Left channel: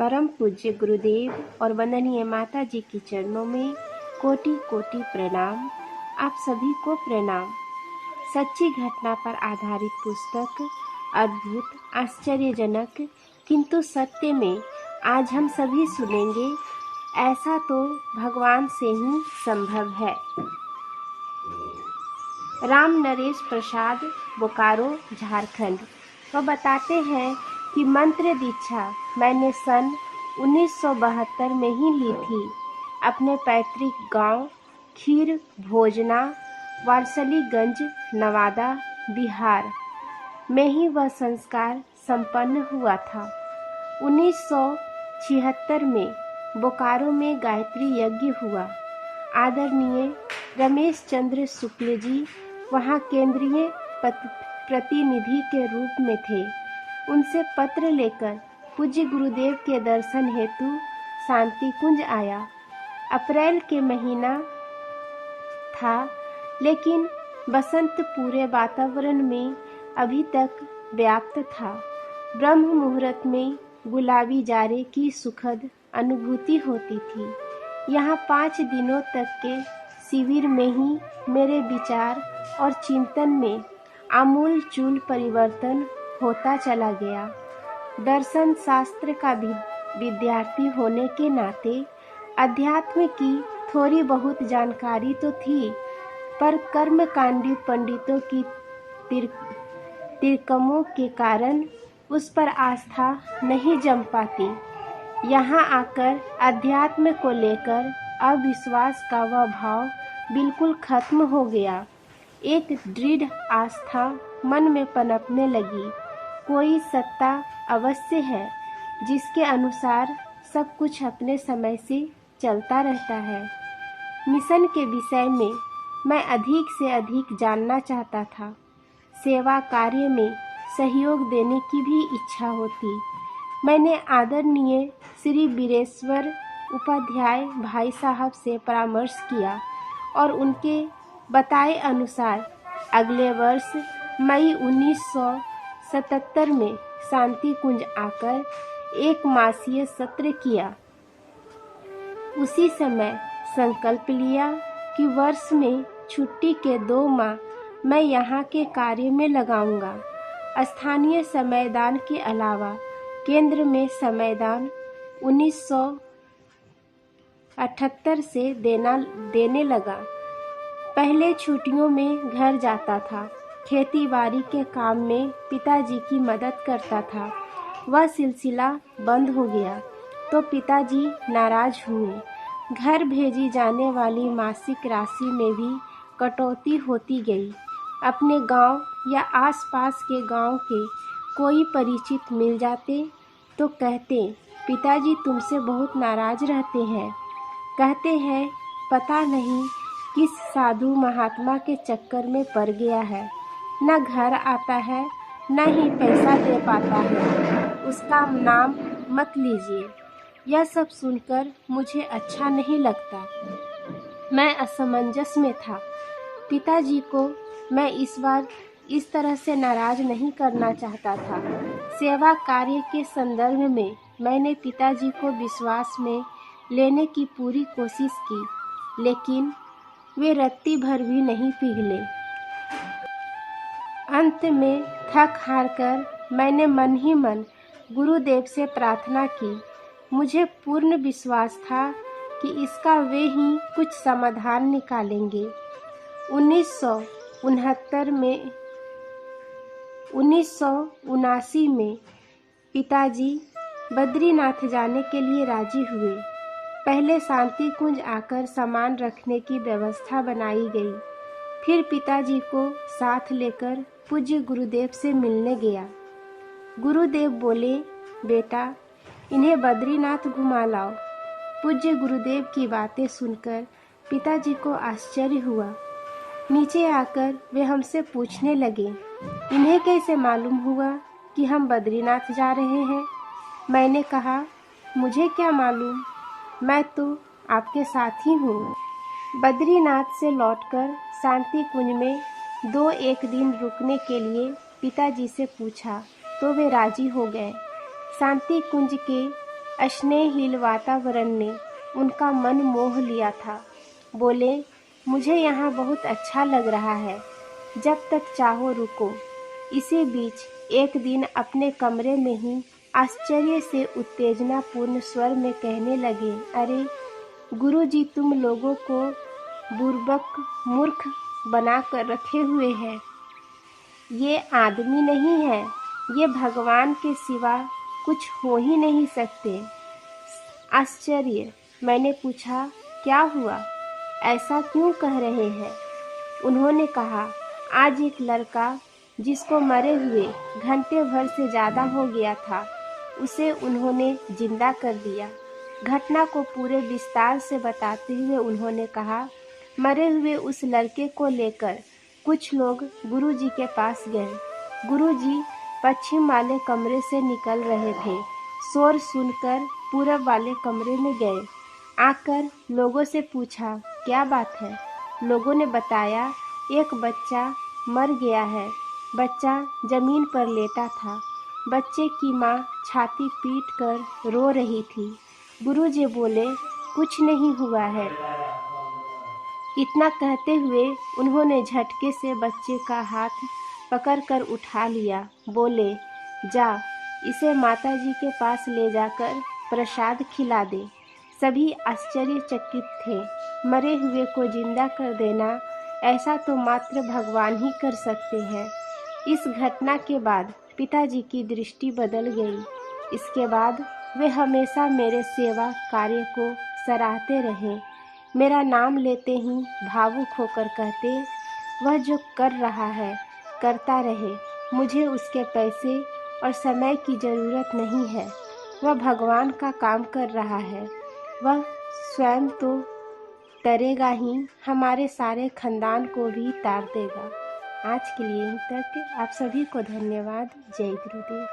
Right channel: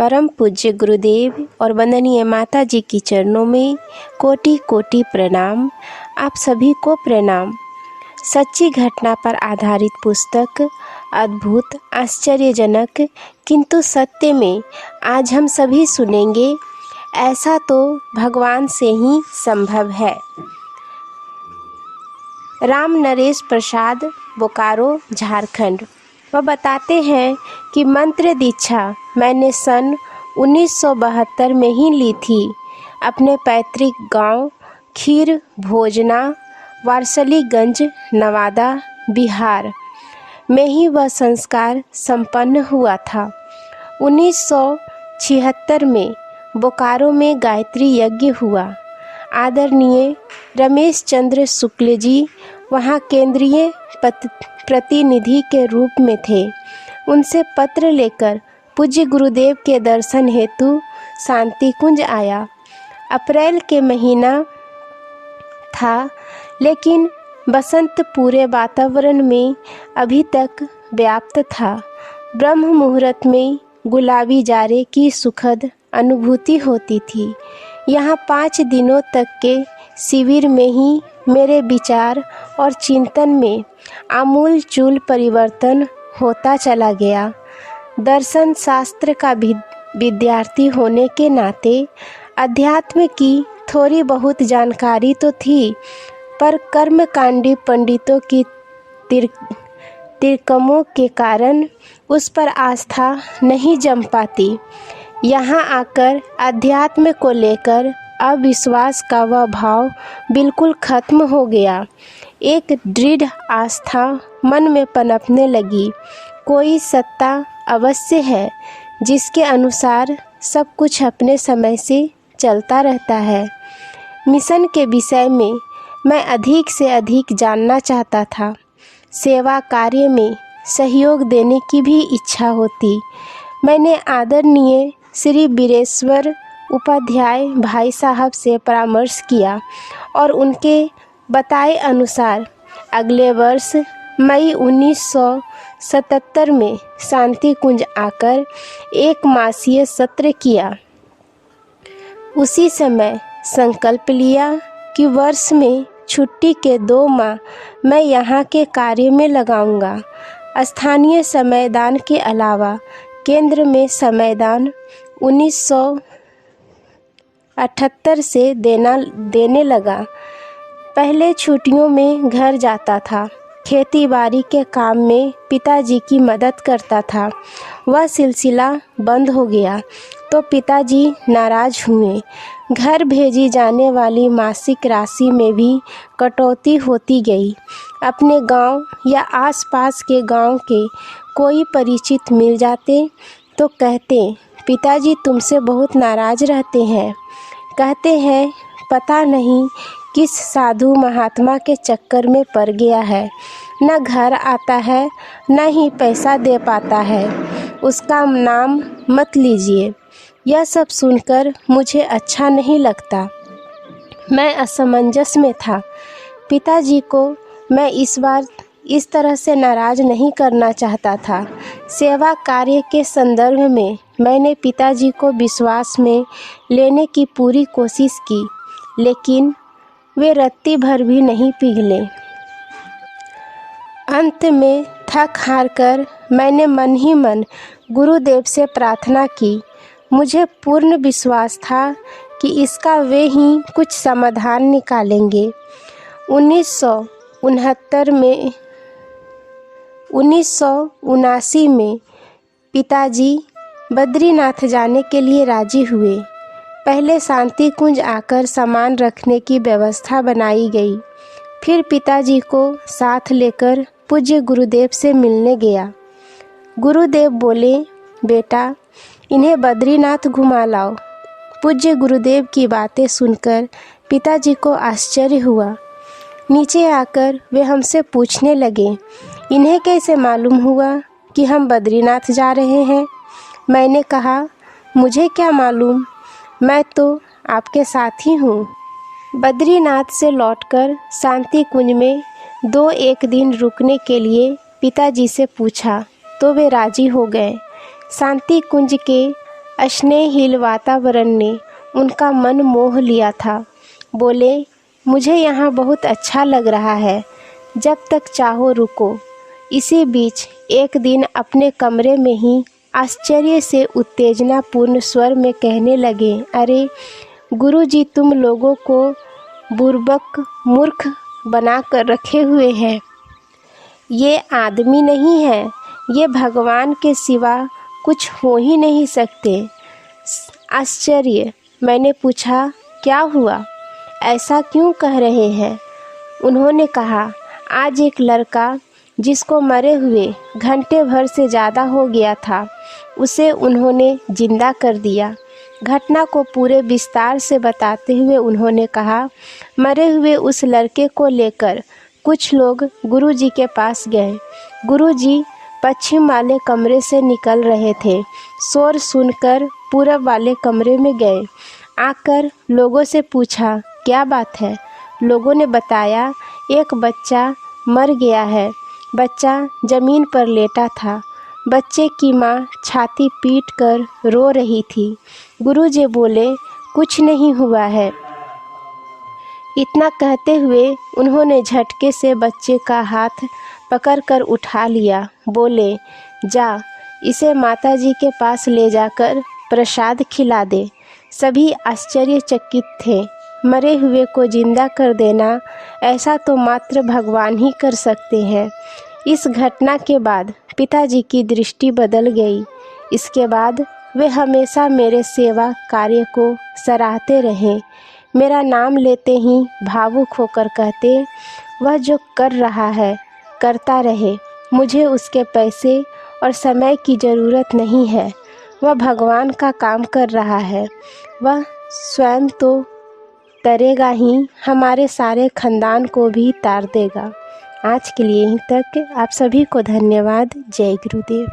परम पूज्य गुरुदेव और वंदनीय माता जी की चरणों में कोटि कोटि प्रणाम। आप सभी को प्रणाम। सच्ची घटना पर आधारित पुस्तक अद्भुत, आश्चर्यजनक किंतु सत्य में आज हम सभी सुनेंगे। ऐसा तो भगवान से ही संभव है। राम नरेश प्रसाद, बोकारो, झारखंड। वह बताते हैं कि मंत्र दीक्षा मैंने सन 1972 में ही ली थी। अपने पैतृक गांव खीर भोजना, वारसलीगंज, नवादा, बिहार में ही वह संस्कार संपन्न हुआ था। 1976 में बोकारो में गायत्री यज्ञ हुआ। आदरणीय रमेश चंद्र शुक्ल जी वहाँ केंद्रीय प्रतिनिधि के रूप में थे। उनसे पत्र लेकर पूज्य गुरुदेव के दर्शन हेतु शांति कुंज आया। अप्रैल के महीना था, लेकिन बसंत पूरे वातावरण में अभी तक व्याप्त था। ब्रह्म मुहूर्त में गुलाबी जारे की सुखद अनुभूति होती थी। यहाँ 5 दिनों तक के शिविर में ही मेरे विचार और चिंतन में आमूल चूल परिवर्तन होता चला गया। दर्शन शास्त्र का विद्यार्थी होने के नाते अध्यात्म की थोड़ी बहुत जानकारी तो थी, पर कर्मकांडी पंडितों की तिरकमों के कारण उस पर आस्था नहीं जम पाती। यहाँ आकर अध्यात्म को लेकर अविश्वास का वह भाव बिल्कुल खत्म हो गया। एक दृढ़ आस्था मन में पनपने लगी। कोई सत्ता अवश्य है जिसके अनुसार सब कुछ अपने समय से चलता रहता है। मिशन के विषय में मैं अधिक से अधिक जानना चाहता था। सेवा कार्य में सहयोग देने की भी इच्छा होती। मैंने आदरणीय श्री बीरेश्वर उपाध्याय भाई साहब से परामर्श किया और उनके बताए अनुसार अगले वर्ष मई 1977 में शांति कुंज आकर 1 मासीय सत्र किया। उसी समय संकल्प लिया कि वर्ष में छुट्टी के 2 माह मैं यहाँ के कार्य में लगाऊंगा। स्थानीय समयदान के अलावा केंद्र में समयदान 1978 से देने लगा। पहले छुट्टियों में घर जाता था। खेती बाड़ी के काम में पिताजी की मदद करता था। वह सिलसिला बंद हो गया तो पिताजी नाराज हुए। घर भेजी जाने वाली मासिक राशि में भी कटौती होती गई। अपने गांव या आसपास के गांव के कोई परिचित मिल जाते तो कहते, पिताजी तुमसे बहुत नाराज रहते हैं। कहते हैं पता नहीं किस साधु महात्मा के चक्कर में पड़ गया है। न घर आता है न ही पैसा दे पाता है। उसका नाम मत लीजिए। यह सब सुनकर मुझे अच्छा नहीं लगता। मैं असमंजस में था। पिताजी को मैं इस बार इस तरह से नाराज नहीं करना चाहता था। सेवा कार्य के संदर्भ में मैंने पिताजी को विश्वास में लेने की पूरी कोशिश की, लेकिन वे रत्ती भर भी नहीं पिघले। अंत में थक हार कर मैंने मन ही मन गुरुदेव से प्रार्थना की। मुझे पूर्ण विश्वास था कि इसका वे ही कुछ समाधान निकालेंगे। 1979 में पिताजी बद्रीनाथ जाने के लिए राजी हुए। पहले शांति कुंज आकर सामान रखने की व्यवस्था बनाई गई। फिर पिताजी को साथ लेकर पूज्य गुरुदेव से मिलने गया। गुरुदेव बोले, बेटा इन्हें बद्रीनाथ घुमा लाओ। पूज्य गुरुदेव की बातें सुनकर पिताजी को आश्चर्य हुआ। नीचे आकर वे हमसे पूछने लगे, इन्हें कैसे मालूम हुआ कि हम बद्रीनाथ जा रहे हैं? मैंने कहा, मुझे क्या मालूम, मैं तो आपके साथ ही हूँ। बद्रीनाथ से लौटकर शांति कुंज में 2-1 दिन रुकने के लिए पिताजी से पूछा तो वे राजी हो गए। शांति कुंज के स्नेहहीन वातावरण ने उनका मन मोह लिया था। बोले, मुझे यहाँ बहुत अच्छा लग रहा है, जब तक चाहो रुको। इसी बीच एक दिन अपने कमरे में ही आश्चर्य से उत्तेजनापूर्ण स्वर में कहने लगे, अरे गुरुजी, तुम लोगों को बुर्बक मूर्ख बना कर रखे हुए हैं। ये आदमी नहीं है, ये भगवान के सिवा कुछ हो ही नहीं सकते। आश्चर्य। मैंने पूछा, क्या हुआ, ऐसा क्यों कह रहे हैं? उन्होंने कहा, आज एक लड़का जिसको मरे हुए घंटे भर से ज़्यादा हो गया था, उसे उन्होंने जिंदा कर दिया। घटना को पूरे विस्तार से बताते हुए उन्होंने कहा, मरे हुए उस लड़के को लेकर कुछ लोग गुरुजी के पास गए। गुरुजी पश्चिम वाले कमरे से निकल रहे थे। शोर सुनकर पूरब वाले कमरे में गए। आकर लोगों से पूछा, क्या बात है? लोगों ने बताया, एक बच्चा मर गया है। बच्चा ज़मीन पर लेटा था। बच्चे की माँ छाती पीट कर रो रही थी। गुरुजी बोले, कुछ नहीं हुआ है। इतना कहते हुए उन्होंने झटके से बच्चे का हाथ पकड़कर उठा लिया। बोले, जा, इसे माताजी के पास ले जाकर प्रसाद खिला दे। सभी आश्चर्यचकित थे। मरे हुए को जिंदा कर देना, ऐसा तो मात्र भगवान ही कर सकते हैं। इस घटना के बाद पिताजी की दृष्टि बदल गई। इसके बाद वे हमेशा मेरे सेवा कार्य को सराहते रहे। मेरा नाम लेते ही भावुक होकर कहते, वह जो कर रहा है करता रहे, मुझे उसके पैसे और समय की ज़रूरत नहीं है। वह भगवान का काम कर रहा है, वह स्वयं तो तरेगा ही, हमारे सारे खानदान को भी तार देगा। आज के लिए यहीं तक। आप सभी को धन्यवाद। जय गुरुदेव।